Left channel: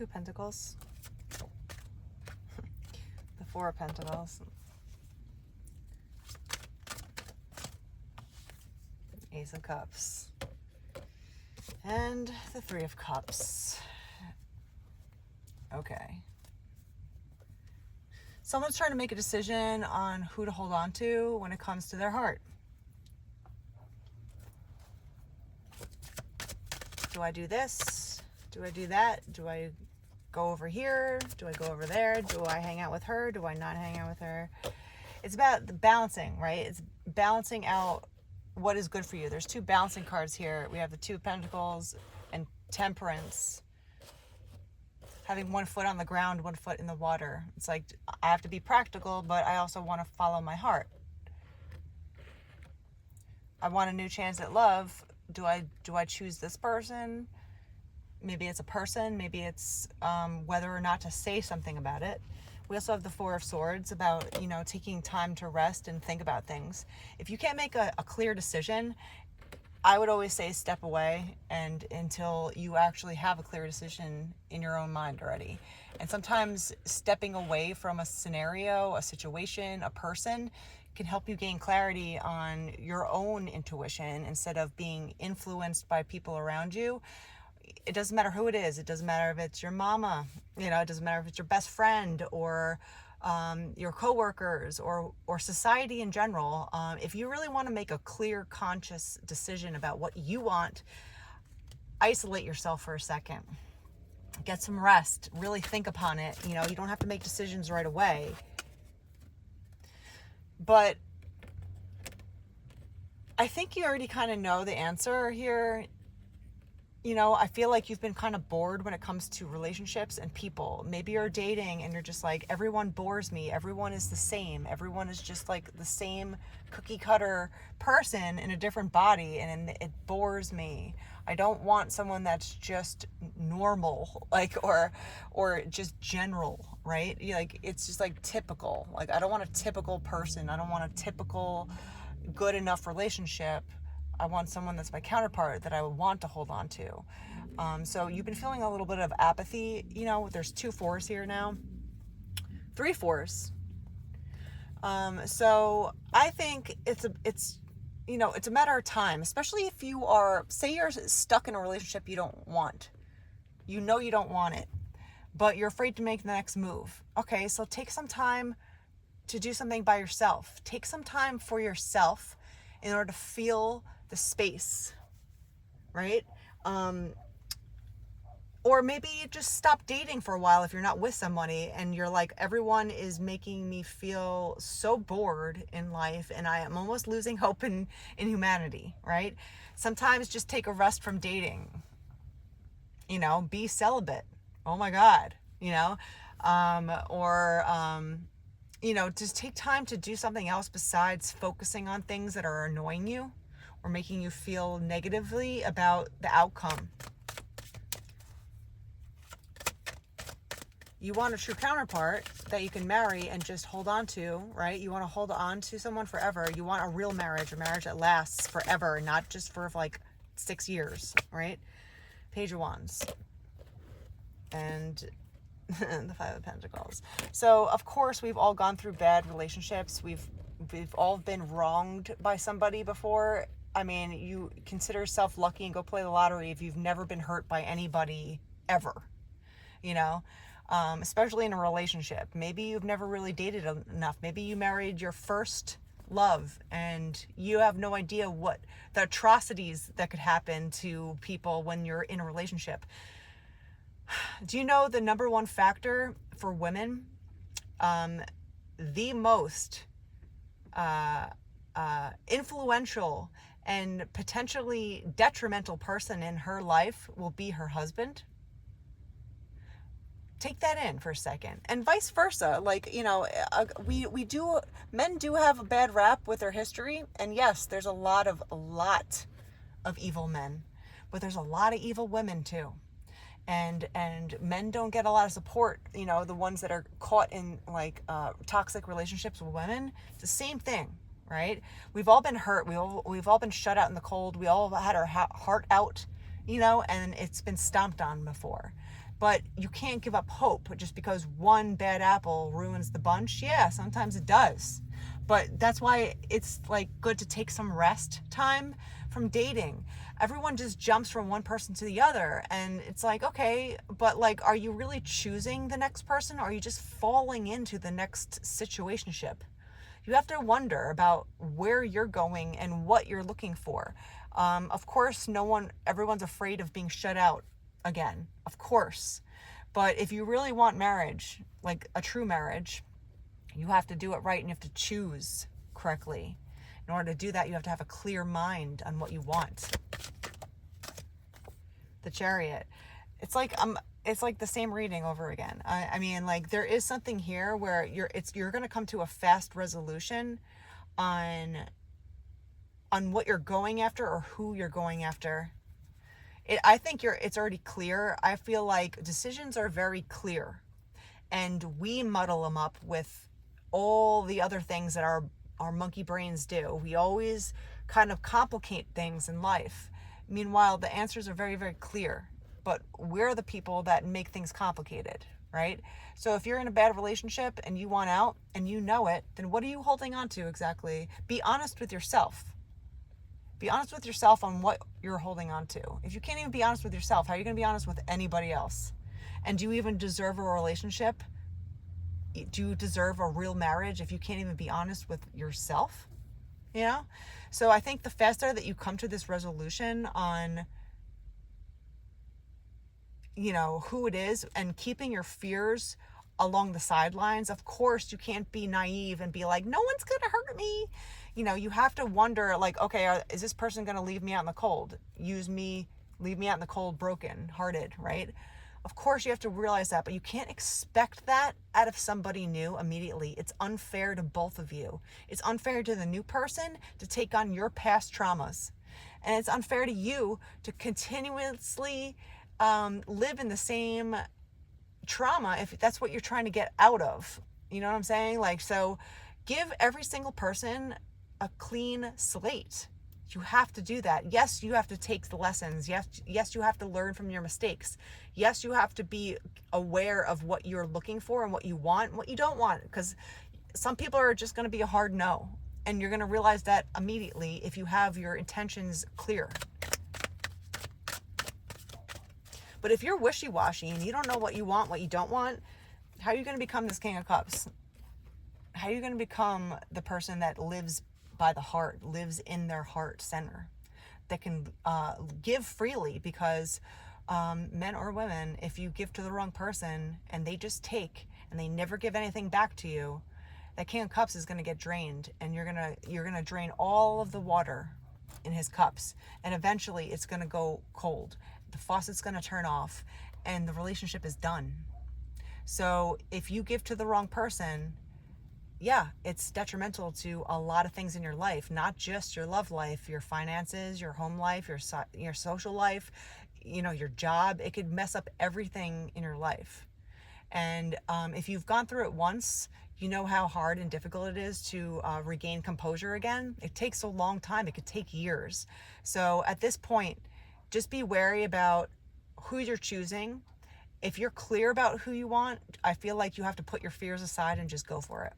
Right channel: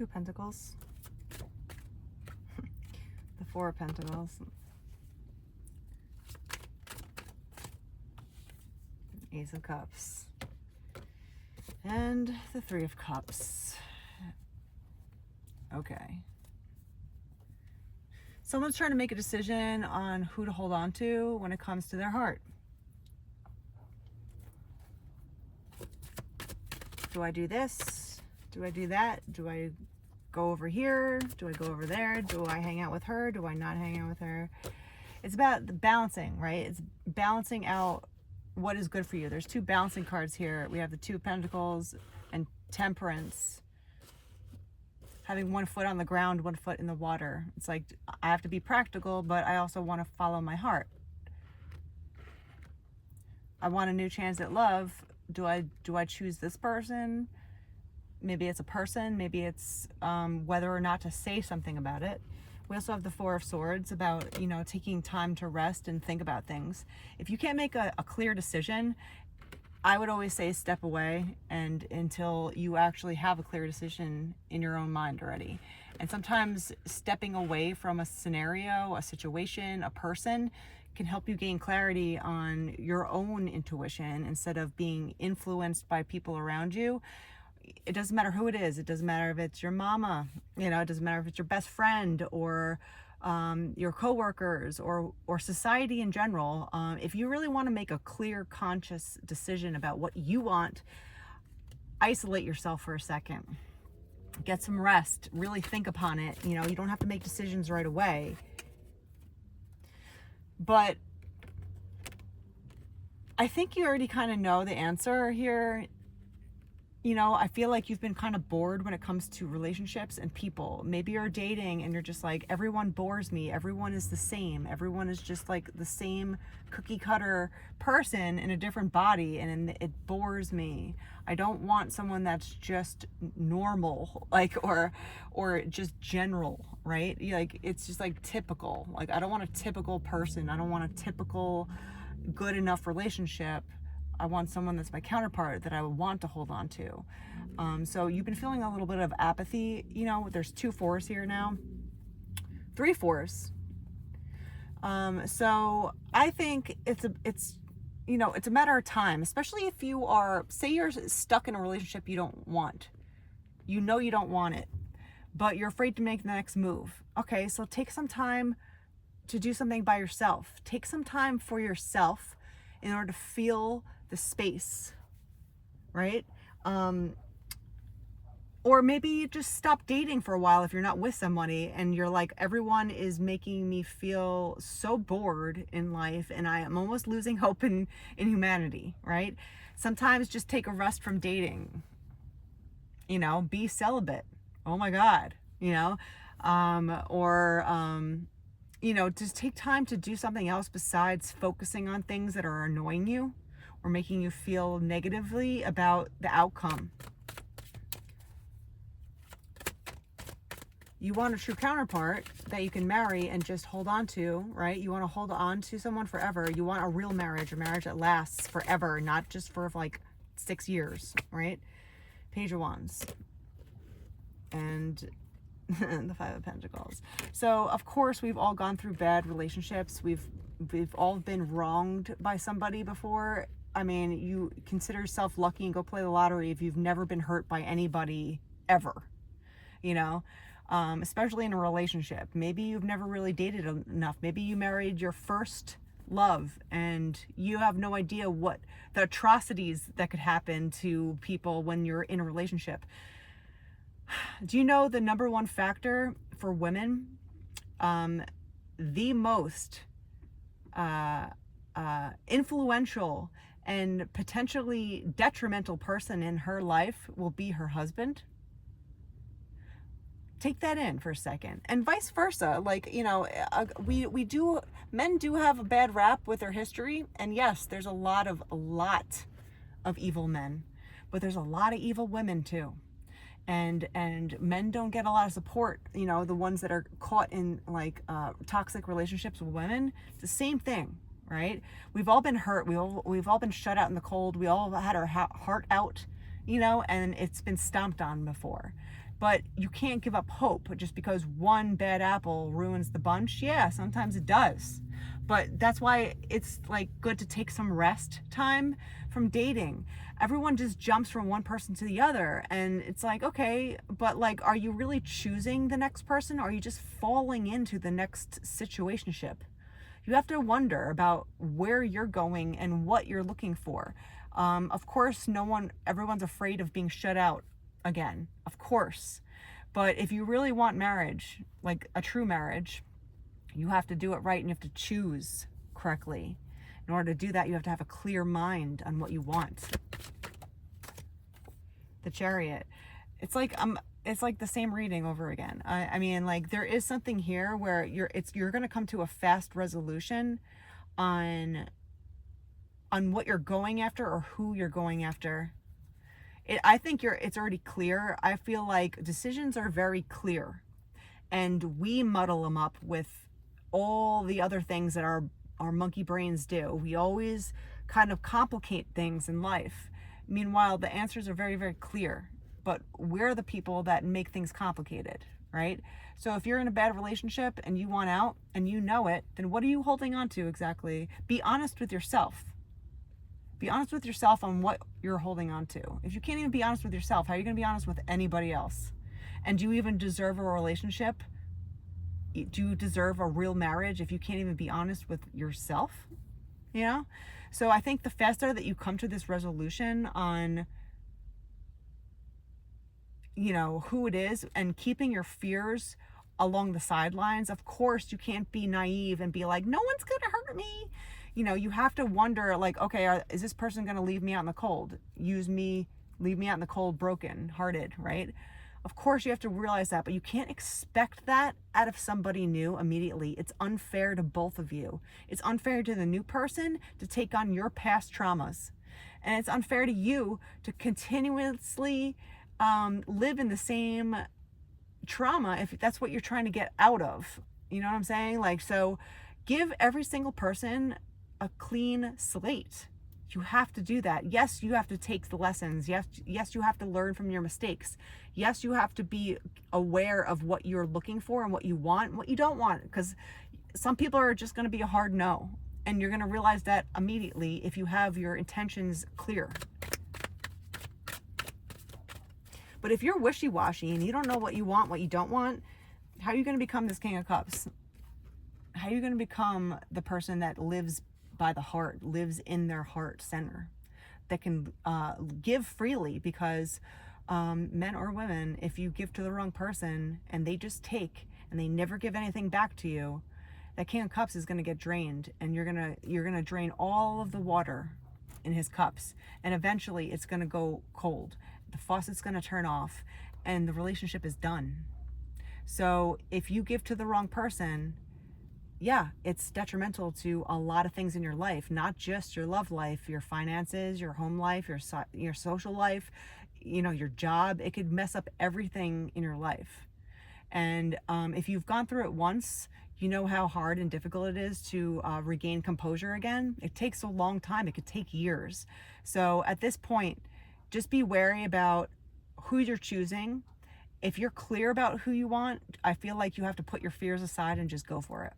Two of Pentacles. The Four of Pentacles. Ace of Cups. And the Three of Cups. Okay. Someone's trying to make a decision on who to hold on to when it comes to their heart. Do I do this? Do I do that? Do I go over here? Do I go over there? Do I hang out with her? Do I not hang out with her? It's about the balancing, right? It's balancing out what is good for you. There's two balancing cards here. We have the Two of Pentacles and Temperance. Having one foot on the ground, one foot in the water. It's like, I have to be practical, but I also want to follow my heart. I want a new chance at love. Do I choose this person? Maybe it's a person. Maybe it's whether or not to say something about it. We also have the Four of Swords about, you know, taking time to rest and think about things. If you can't make a clear decision, I would always say step away and until you actually have a clear decision in your own mind already. And sometimes stepping away from a scenario, a situation, a person can help you gain clarity on your own intuition instead of being influenced by people around you. It doesn't matter who it is. It doesn't matter if it's your mama, you know, it doesn't matter if it's your best friend or your coworkers or society in general. If you really want to make a clear, conscious decision about what you want, isolate yourself for a second. Get some rest. Really think upon it. You know, you don't have to make decisions right away. But I think you already kind of know the answer here. You know, I feel like you've been kind of bored when it comes to relationships and people. Maybe you're dating and you're just like, everyone bores me. Everyone is the same. Everyone is just like the same cookie cutter person in a different body, and it bores me. I don't want someone that's just normal, like, or just general, right? Like, it's just like typical. Like, I don't want a typical person. I don't want a typical good enough relationship. I want someone that's my counterpart that I would want to hold on to. So you've been feeling a little bit of apathy. You know, there's 2 fours here now. 3 fours. So I think it's you know, it's a matter of time, especially if you are, say you're stuck in a relationship you don't want. You know you don't want it, but you're afraid to make the next move. Okay, so take some time to do something by yourself. Take some time for yourself in order to feel the space, right? Or maybe you just stop dating for a while if you're not with somebody and you're like, everyone is making me feel so bored in life and I am almost losing hope in humanity, right? Sometimes just take a rest from dating. You know, be celibate. Oh my God, you know? You know, just take time to do something else besides focusing on things that are annoying you or making you feel negatively about the outcome. You want a true counterpart that you can marry and just hold on to, right? You want to hold on to someone forever. You want a real marriage, a marriage that lasts forever, not just for like 6 years, right? Page of Wands. And the Five of Pentacles. So of course we've all gone through bad relationships. We've all been wronged by somebody before. I mean, you consider yourself lucky and go play the lottery if you've never been hurt by anybody ever, you know, especially in a relationship. Maybe you've never really dated enough. Maybe you married your first love and you have no idea what the atrocities that could happen to people when you're in a relationship. Do you know the #1 factor for women? The most influential and potentially detrimental person in her life will be her husband. Take that in for a second. And vice versa. Like, you know, men do have a bad rap with their history. And yes, there's a lot of evil men, but there's a lot of evil women too. And men don't get a lot of support, you know, the ones that are caught in like toxic relationships with women. It's the same thing, right? We've all been hurt. We've all been shut out in the cold. We all had our heart out, you know, and it's been stomped on before. But you can't give up hope just because one bad apple ruins the bunch. Yeah, sometimes it does. But that's why it's like good to take some rest time from dating. Everyone just jumps from one person to the other, and it's like, okay, but like, are you really choosing the next person, or are you just falling into the next situationship? You have to wonder about where you're going and what you're looking for. Of course, everyone's afraid of being shut out again, of course. But if you really want marriage, like a true marriage, you have to do it right, and you have to choose correctly. In order to do that, you have to have a clear mind on what you want. The Chariot. It's like the same reading over again. I mean, like, there is something here where you're going to come to a fast resolution on what you're going after or who you're going after. I think it's already clear. I feel like decisions are very clear, and we muddle them up with all the other things that our monkey brains do. We always kind of complicate things in life. Meanwhile, the answers are very, very clear, but we're the people that make things complicated, right? So if you're in a bad relationship and you want out and you know it, then what are you holding on to exactly? Be honest with yourself. Be honest with yourself on what you're holding on to. If you can't even be honest with yourself, how are you going to be honest with anybody else? And do you even deserve a relationship? Do you deserve a real marriage if you can't even be honest with yourself? You know? So I think the faster that you come to this resolution on, you know, who it is, and keeping your fears along the sidelines. Of course, you can't be naive and be like, no one's going to hurt me. You know, you have to wonder, like, okay, is this person going to leave me out in the cold? Leave me out in the cold, broken hearted, right? Of course, you have to realize that, but you can't expect that out of somebody new immediately. It's unfair to both of you. It's unfair to the new person to take on your past traumas. And it's unfair to you to continuously live in the same trauma if that's what you're trying to get out of. You know what I'm saying? Like, so give every single person a clean slate. You have to do that. Yes, you have to take the lessons. Yes, you have to learn from your mistakes. Yes, you have to be aware of what you're looking for and what you want and what you don't want, because some people are just going to be a hard no, and you're going to realize that immediately if you have your intentions clear. But if you're wishy-washy and you don't know what you want, what you don't want, how are you going to become this King of Cups? How are you going to become the person that lives by the heart, lives in their heart center, that can give freely? Because men or women, if you give to the wrong person and they just take and they never give anything back to you, that King of Cups is going to get drained, and you're going to drain all of the water in his cups, and eventually it's going to go cold. The faucet's going to turn off and the relationship is done. So if you give to the wrong person, yeah, it's detrimental to a lot of things in your life, not just your love life, your finances, your home life, your social life, you know, your job. It could mess up everything in your life. And if you've gone through it once, you know how hard and difficult it is to regain composure again. It takes a long time. It could take years. So at this point, just be wary about who you're choosing. If you're clear about who you want, I feel like you have to put your fears aside and just go for it.